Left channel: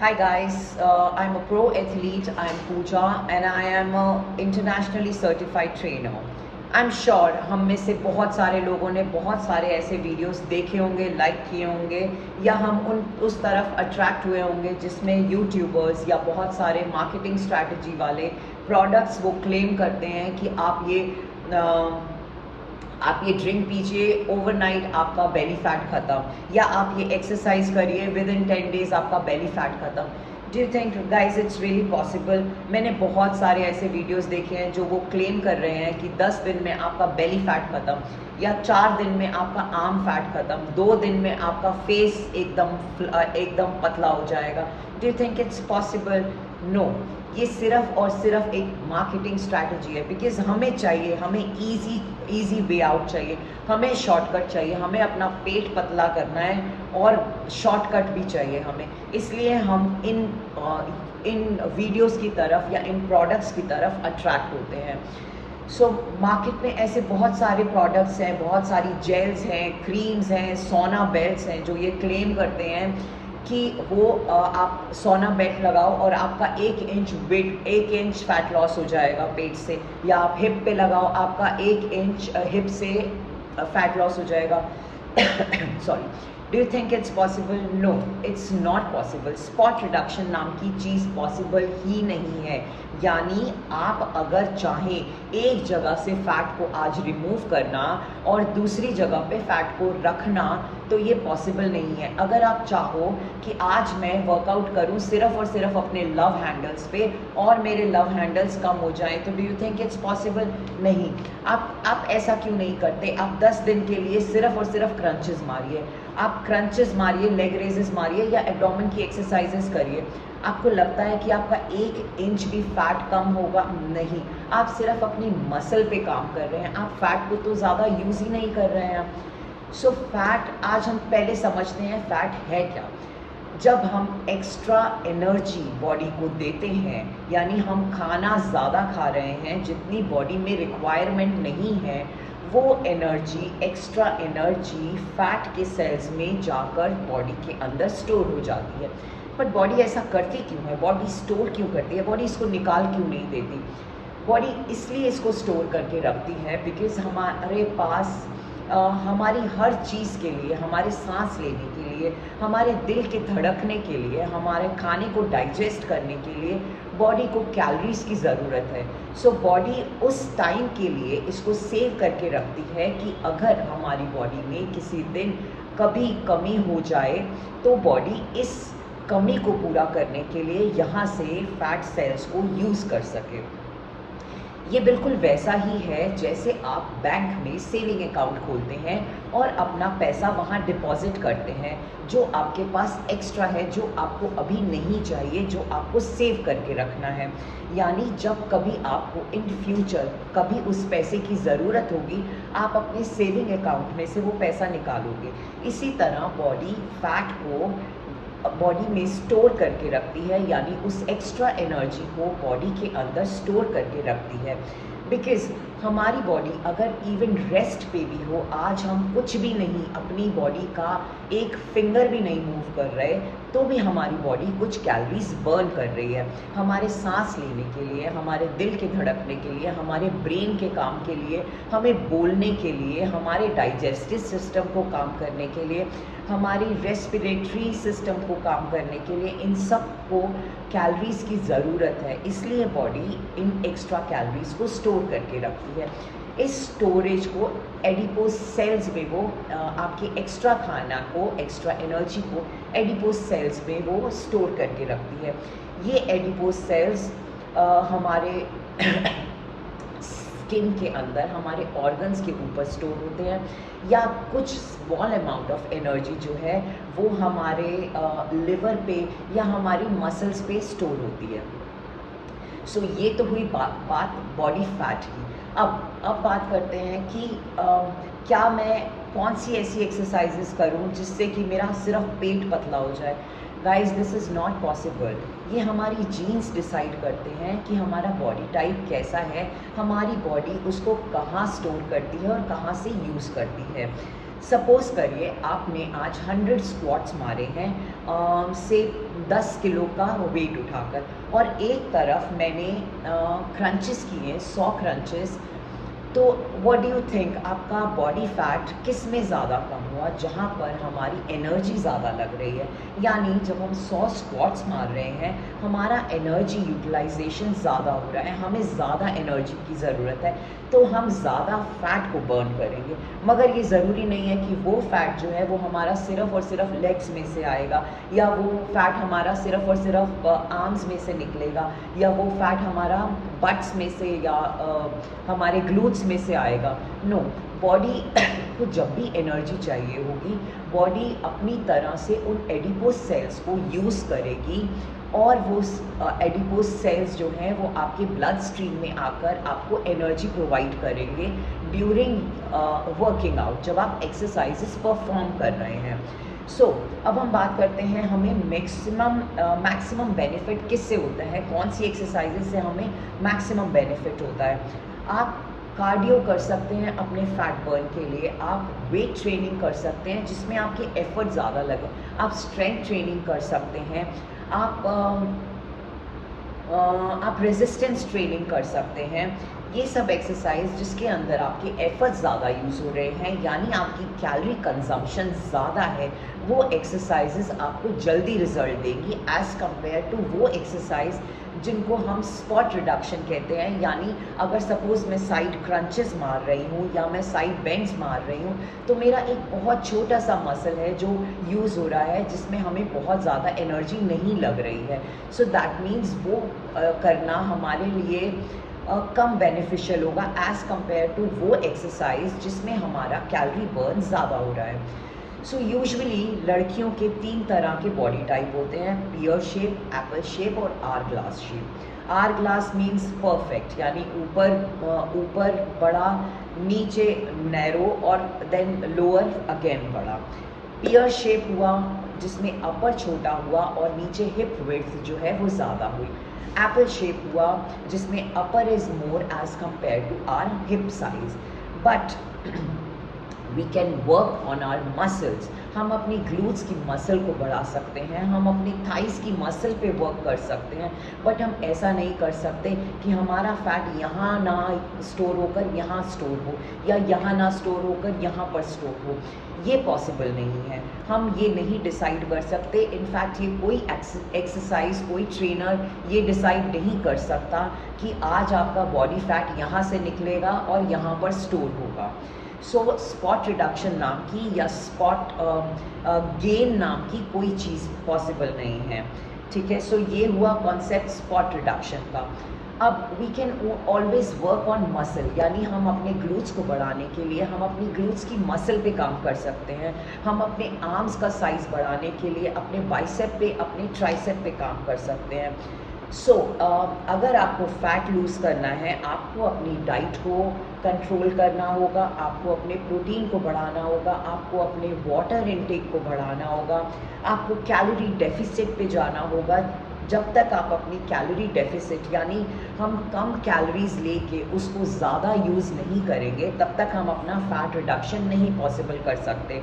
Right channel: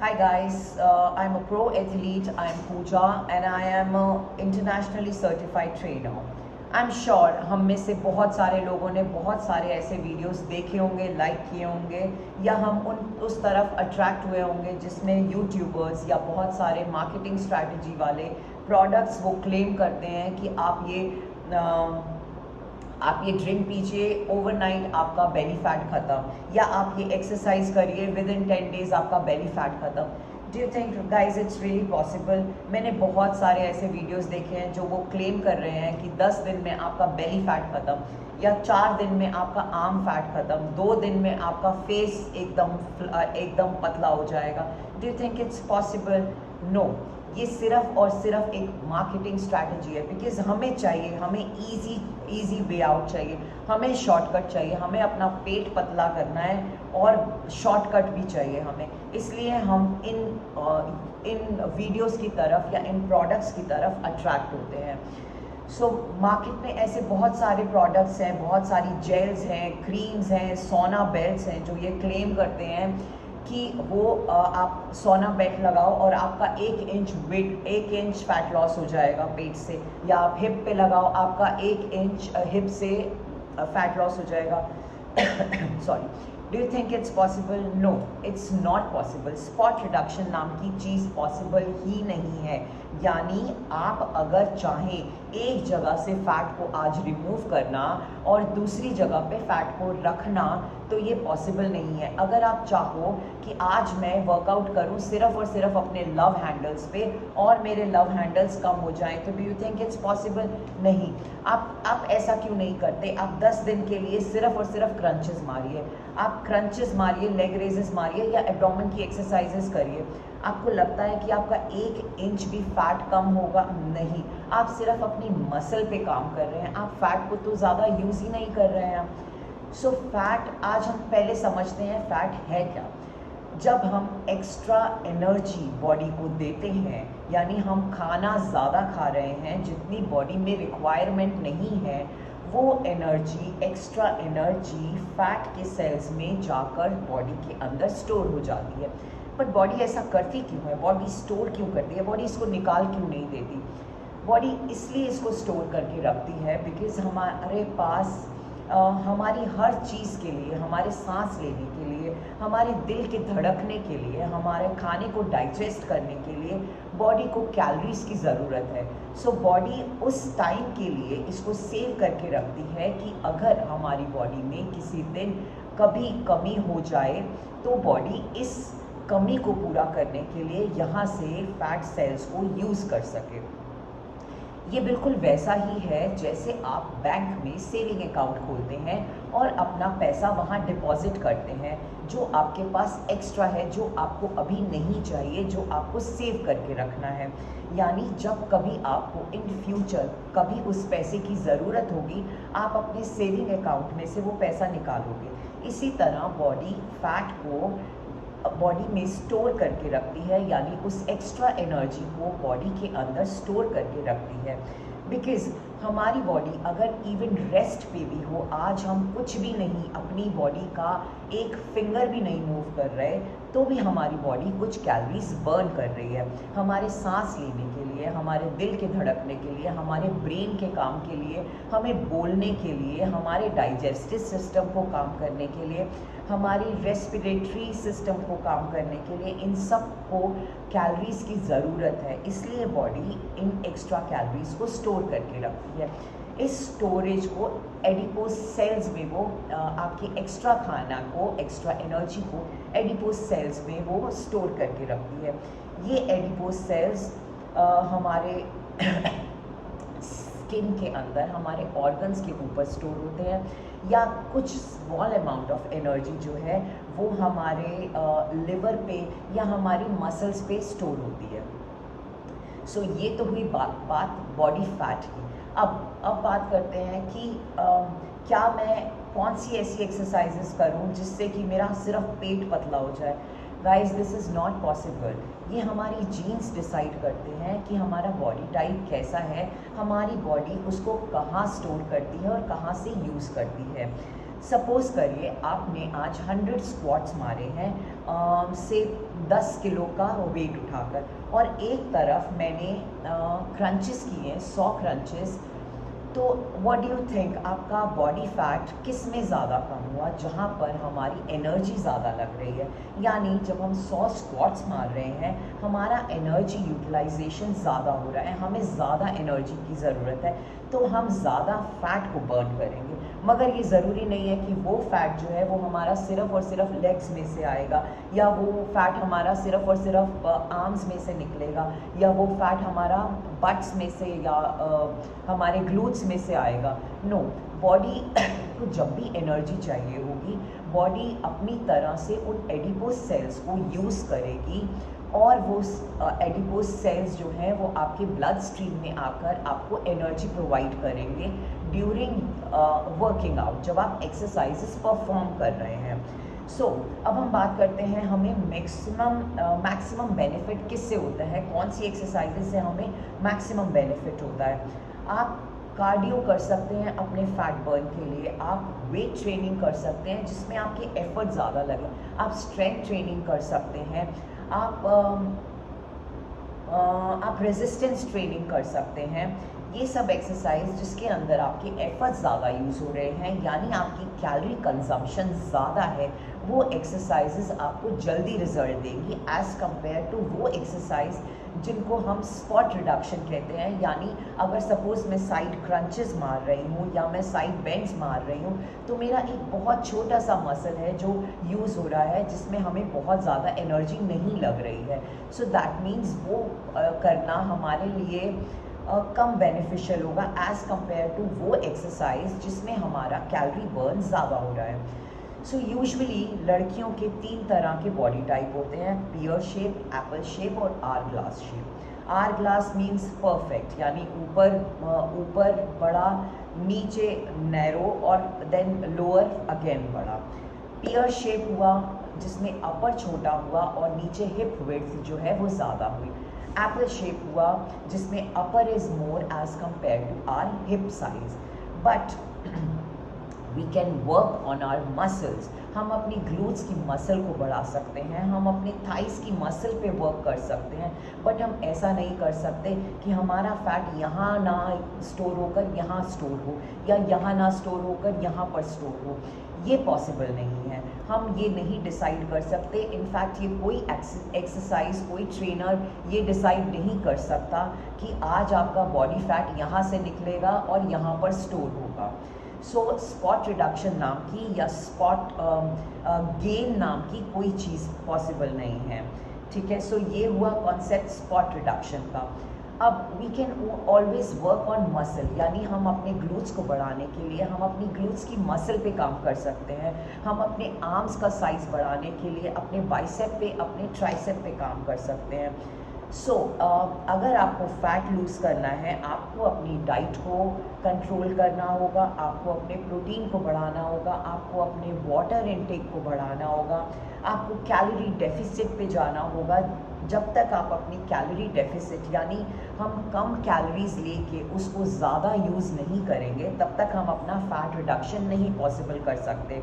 Hi guys, I'm a pro athlete. I'm Pooja and I am a internationally certified trainer. I'm sure हम में से बहुत सारे लोगों ने बहुत सारे ऐसे वीडियोस देखे होंगे, लाइक किए होंगे या हम उस तरफ अट्रैक्ट हुए होंगे जिसमें यूट्यूबर्स या बहुत सारे मार्केटिंग स्ट्रैटेजी वाले प्रोडक्ट्स वो क्लेम करते हैं कि आप ये ड्रिंक पीजिए, ओवरनाइट आपका बेली फैट खत्म, या आप ये एक्सरसाइज करिए, विद इन 10 डेज आपका बेली फैट खत्म। Do you think guys it's really possible? मैंने बहुत सारे ऐसे वीडियोस देखे हैं जो वो क्लेम कर रहे हैं कि 10 दिन में आपका बेली फैट खत्म, या 4 दिन में आपका आर्म फैट खत्म, 2 दिन में आपका फेस एकदम पतला हो जाएगा। Do you think it's possible? No, ये सिर्फ और सिर्फ एक मार्केटिंग स्ट्रैटेजी है। बिकॉज हमें इजी वे आउट चाहिए, हमें शॉर्टकट चाहिए, हमें अपना पेट पतला करना है और शॉर्टकट भी चाहिए हमें। इसलिए हम इन वीडियोस की तरफ या इन प्रोडक्ट्स की तरफ अट्रैक्ट होते हैं। सो मार्केट में ऐसे बहुत सारे प्रोडक्ट्स हैं, बहुत सारी जेल्स हैं, क्रीम्स हैं, सोना बेल्ट्स हैं जो ये क्लेम करते हैं कि आप सोना बेल्ट लगाओ और आपका 1 इंच फैट लॉस हो जाएगा पेट से, या आप हिप पे लगाओ, आपका 1 इंच हिप से फैट लॉस हो जाएगा। Sorry, do you think it's possible? No, it's not possible. Spot reduction नाम की चीज़ पॉसिबल ही नहीं है। यानी आप अगर चाहें एक जगह से फैट को आज रिमूव करना और दूसरी जगह पे फैट को रखना, तो ये पॉसिबल नहीं है। अगर आप चाहो कि आज मैं वर्कआउट करूं सिर्फ और सिर्फ अपने लव हैंडल्स पे और मेरे लव हैंडल्स कम हो जाएं, तो do you think it's possible? नहीं। आप ऐसा क्यों नहीं करते? आप 10 दिन के लिए सिर्फ और सिर्फ क्रंचेस मारिए, आप क्रंचेस मारिए, लेग रेजेस मारिए या एब्डोमेन की एक्सरसाइजेस करिए। आपको लगता है कि आपका 1 इंच भी फैट कम होगा? नहीं। आप सिर्फ अपनी मसल पे काम कर रहे हैं, आप फैट को तो ज़्यादा यूज़ ही नहीं कर रहे हैं। सो फैट, आज हम पहले समझते हैं फैट है क्या। जब हम एक्स्ट्रा एनर्जी बॉडी को देते हैं, यानी हम खाना ज़्यादा खा रहे हैं जितनी बॉडी में रिक्वायरमेंट नहीं है, वो एनर्जी, एक्स्ट्रा एनर्जी फैट के सेल्स में जाकर बॉडी के अंदर स्टोर हो जाती है। बट बॉडी ऐसा करती क्यों है? बॉडी स्टोर क्यों करती है? बॉडी इसको निकाल क्यों नहीं देती? बॉडी इसलिए इसको स्टोर करके रखती है बिकॉज हमारे पास हमारी हर चीज़ के लिए, हमारे सांस लेने के लिए, हमारे दिल के धड़कने के लिए, हमारे खाने को डाइजेस्ट करने के लिए बॉडी को कैलोरीज की ज़रूरत है। सो बॉडी उस टाइम के लिए इसको सेव करके रखती है कि अगर हमारी बॉडी में किसी दिन कभी कमी हो जाए तो बॉडी इस कमी को पूरा करने के लिए यहाँ से फैट सेल्स को यूज़ कर सके। ये बिल्कुल वैसा ही है जैसे आप बैंक में सेविंग अकाउंट खोलते हैं और अपना पैसा वहाँ डिपॉजिट करते हैं, जो आपके पास एक्स्ट्रा है, जो आपको अभी नहीं चाहिए, जो आपको सेव करके रखना है। यानी जब कभी आपको इन फ्यूचर कभी उस पैसे की ज़रूरत होगी, आप अपने सेविंग अकाउंट में से वो पैसा निकालोगे। इसी तरह बॉडी फैट को बॉडी में स्टोर करके रखती है, यानी उस एक्स्ट्रा एनर्जी को बॉडी के अंदर स्टोर करके रखती है। बिकॉज़ हमारी बॉडी अगर इवन रेस्ट पे भी हो, आज हम कुछ भी नहीं, अपनी बॉडी का एक फिंगर भी नहीं मूव कर रहे, तो भी हमारी बॉडी कुछ कैलोरीज बर्न कर रही है। हमारे सांस लेने के लिए, हमारे दिल के धड़कने के लिए, हमारे ब्रेन के काम के लिए, हमें बोलने के लिए, हमारे डाइजेस्टिव सिस्टम को काम करने के लिए, हमारी रेस्पिरेटरी सिस्टम को काम करने के लिए, इन सब को कैलोरीज की ज़रूरत है। इसलिए बॉडी इन एक्स्ट्रा कैलोरीज को स्टोर करके रखती है। इस स्टोरेज को एडिपोज सेल्स में वो आपके एक्स्ट्रा खाना को, एक्स्ट्रा एनर्जी को एडिपोज सेल्स में वो स्टोर करके रखती है। ये एडिपोज सेल्स हमारे स्किन के अंदर, हमारे ऑर्गन्स के ऊपर स्टोर होते हैं, या कुछ स्मॉल अमाउंट ऑफ एनर्जी जो है वो हमारे लिवर पे या हमारी मसल्स पे स्टोर होती है। सो ये तो हुई बात बॉडी फैट की। अब बात करते हैं कि क्या मैं कौन सी ऐसी एक्सरसाइजेस करूं जिससे कि मेरा सिर्फ पेट पतला हो जाए। Guys, this is not possible. ये हमारी जीन्स डिसाइड करते हैं कि हमारा बॉडी टाइप कैसा है, हमारी बॉडी उसको कहाँ स्टोर करती है और कहाँ से यूज़ करती है। सपोज़ करिए आपने आज 100 स्क्वाट्स मारे हैं से 10 किलो का वेट उठाकर, और एक तरफ मैंने क्रंचेस किए हैं 100 क्रंचेस। तो व्हाट डू यू थिंक, आपका बॉडी फैट किस में ज़्यादा कम हुआ? जहाँ पर हमारी एनर्जी ज़्यादा लग रही है, यानी जब हम 100 स्क्वाट्स मार रहे हैं हमारा एनर्जी यूटिलाइजेशन ज़्यादा हो रहा है, हमें ज़्यादा एनर्जी की ज़रूरत है, तो हम ज़्यादा फैट को बर्न करेंगे। मगर ये ज़रूरी नहीं है कि वो फैट जो है वो हमारा सिर्फ़ और सिर्फ लेग्स में से आएगा, या वो फैट हमारा सिर्फ़ और सिर्फ आर्म्स में से निकलेगा, या वो फैट हमारा बट्स में से या हमारे ग्लूट्स में से आएगा। नो, बॉडी को जब भी एनर्जी चाहिए होगी, बॉडी अपनी तरह से उन एडिपोज सेल्स को यूज़ करेगी, और वो एडिपोज सेल्स जो हैं वो आपके ब्लड स्ट्रीम में आकर आपको एनर्जी प्रोवाइड करेंगे ड्यूरिंग वर्किंग आउट, जब आप एक्सरसाइजेस परफॉर्म कर रहे हैं। सो अब हम बात करते हैं हमें मैक्सिमम बेनिफिट किससे होता है, कौन सी एक्सरसाइजेज से हमें मैक्सिमम बेनिफिट होता है। आप कार्डियो कर सकते हैं अपने फैट बर्न के लिए, आप वेट ट्रेनिंग कर सकते हैं जिसमें आपके एफर्ट ज़्यादा लगे, आप स्ट्रेंथ ट्रेनिंग कर सकते हैं, आप रेजिस्टेंस ट्रेनिंग कर सकते हैं। ये सब एक्सरसाइज जिसके अंदर आपके एफर्ट ज़्यादा यूज़ हो रहे हैं, यानी आपकी कैलोरी कंजम्पशन ज़्यादा है, वो एक्सरसाइजेज आपको जल्दी रिजल्ट देंगी एज़ कम्पेयर टू वो एक्सरसाइज जिनको हम स्पॉट रिडक्शन कहते हैं। यानी अगर सपोज़ मैं साइड क्रंचेस मार रही हूँ या मैं साइड बेंड्स मार रही हूँ, तो मेरा एक बहुत छोटा सा मसल है जो यूज़ हो रहा है, जिसमें हमें बहुत ज़्यादा एनर्जी नहीं लग रही है। सो दैट मीन्स वो करना हमारे लिए कम बेनिफिशियल होगा एज़ कम्पेयर टू वो एक्सरसाइज जिसमें हमारा कैलोरी बर्न ज़्यादा हो रहा है। सो यूजुअली लड़कियों के 3 तरह के बॉडी टाइप होते हैं, पियर शेप, एप्पल शेप और hourglass shape. Hourglass means perfect, यानी ऊपर बड़ा, नीचे नैरो और देन लोअर अगेन बड़ा। पियर शेप हुआ जिसमें अपर छोटा हुआ और नीचे हिप विड्थ जो है वो ज़्यादा हुई। एप्पल शेप हुआ जिसमें upper is more as compare to our hip size, but we can work on our muscles. हम अपनी ग्लूट्स की मसल को बढ़ा सकते हैं, हम अपने थाइस की मसल पे वर्क कर सकते हैं, बट हम ऐसा नहीं कर सकते कि हमारा फैट यहाँ ना स्टोर होकर यहाँ स्टोर हो, या यहाँ ना स्टोर होकर यहाँ पर स्टोर हो। ये पॉसिबल नहीं है, हम ये नहीं डिसाइड कर सकते। इनफैक्ट ये कोई एक्सरसाइज, कोई ट्रेनर ये डिसाइड नहीं कर सकता कि आज आपका बॉडी फैट यहाँ से निकलेगा और यहाँ पर स्टोर होगा। सो स्पॉट रिडक्शन नाम की या स्पॉट गेन नाम की कोई चीज़ पॉसिबल नहीं है, ठीक है। सो ये हुआ कॉन्सेप्ट स्पॉट रिडक्शन का। अब we can always work on muscle, यानी हम अपने ग्लूट्स को बढ़ाने के लिए हम अपनी ग्लूट्स की मसल पे काम कर सकते हैं, हम अपने आर्म्स का साइज़ बढ़ाने के लिए अपने बाइसेप पे, अपने ट्राइसेप पे काम कर सकते हैं। सो अगर आपको फैट लूज़ करना है, आपको अपनी डाइट को कंट्रोल करना होगा, आपको अपने प्रोटीन को बढ़ाना होगा, आपको अपने वाटर इनटेक को बढ़ाना होगा, आपको कैलोरी डेफिसिट पे जाना होगा। जब तक आप अपनी कैलोरी डेफिसिट, यानी हम कम कैलोरीज लेके उसको ज़्यादा यूज़ नहीं करेंगे, तब तक हम अपना फैट रिडक्शन नहीं पॉसिबल कर सकते।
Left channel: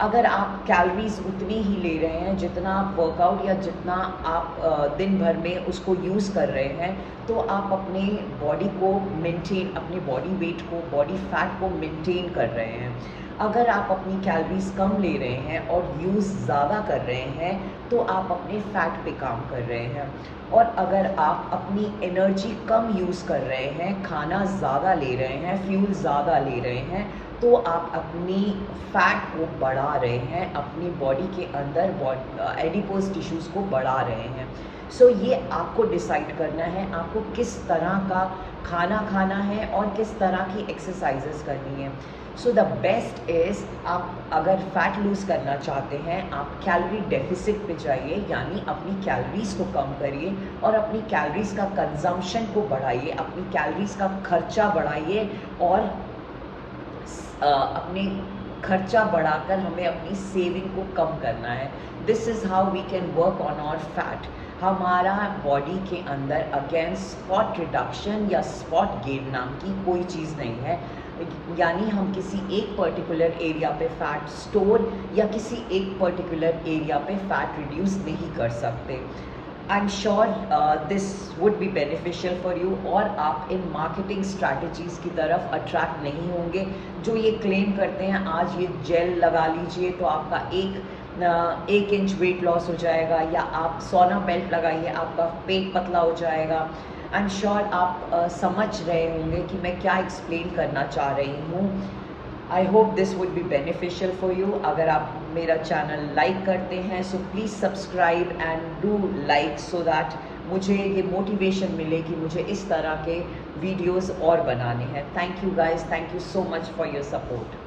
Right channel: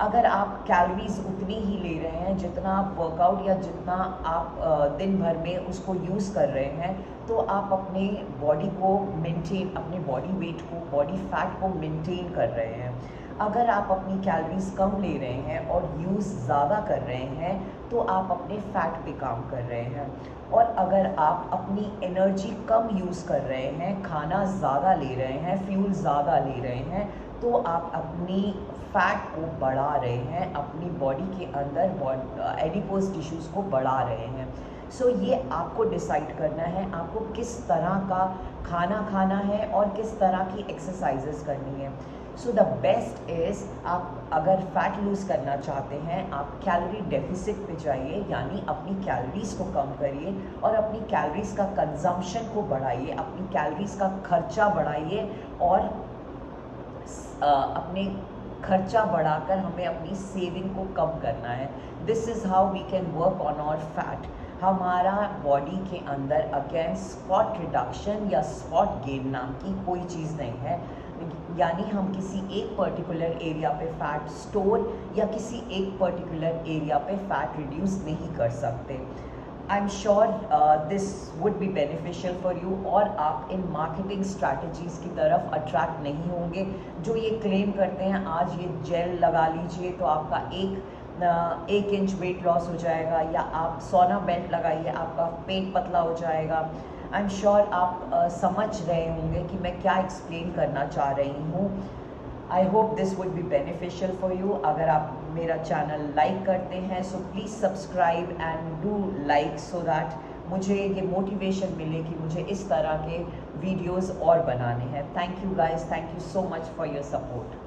अगर आप कैलोरीज उतनी ही ले रहे हैं जितना आप वर्कआउट या जितना आप दिन भर में उसको यूज़ कर रहे हैं, तो आप अपने बॉडी को मेंटेन, अपने बॉडी वेट को, बॉडी फैट को मेंटेन कर रहे हैं। अगर आप अपनी कैलोरीज कम ले रहे हैं और यूज़ ज़्यादा कर रहे हैं, तो आप अपने फैट पे काम कर रहे हैं। और अगर आप अपनी एनर्जी कम यूज़ कर रहे हैं, खाना ज़्यादा ले रहे हैं, फ्यूल ज़्यादा ले रहे हैं, तो आप अपनी फैट को बढ़ा रहे हैं, अपनी बॉडी के अंदर एडिपोज टिश्यूज़ को बढ़ा रहे हैं। सो ये आपको डिसाइड करना है, आपको किस तरह का खाना खाना है और किस तरह की एक्सरसाइजेस करनी है। सो द बेस्ट इज़, आप अगर फैट लूज़ करना चाहते हैं, आप कैलोरी डेफिसिट पे जाइए, यानी अपनी कैलोरीज़ को कम करिए और अपनी कैलोरीज़ का कंजम्पशन को बढ़ाइए, अपनी कैलोरीज़ का खर्चा बढ़ाइए, और अपने खर्चा बढ़ाकर हमें अपनी सेविंग को कम करना है। This is how we can work on our fat. हमारा बॉडी के अंदर अगेन स्पॉट रिडक्शन या स्पॉट गेन नाम की कोई चीज़ नहीं है। यानी हम किसी एक पर्टिकुलर एरिया पे फैट स्टोर या किसी एक पर्टिकुलर एरिया पे फैट रिड्यूस नहीं कर सकते। I am sure this would be beneficial for you, और आप इन मार्केटिंग स्ट्रैटेजीज़ की तरफ अट्रैक्ट नहीं होंगे जो ये क्लेम करते हैं आज ये जेल लगा लीजिए तो आपका 1 इंच वेट लॉस हो जाएगा, या आप सोना बेल्ट लगाइए आपका पेट पतला हो जाएगा। आई एम श्योर आप समझ रहे होंगे कि मैं क्या एक्सप्लेन करना चाह रही हूँ। I hope this would be beneficial for you. अगर आप मेरा चैनल लाइक करते हैं so please subscribe and do like, so that मुझे ये मोटिवेशन मिले कि मुझे इस तरह के वीडियोस और बनाने हैं। Thank you guys, thank you so much for your support.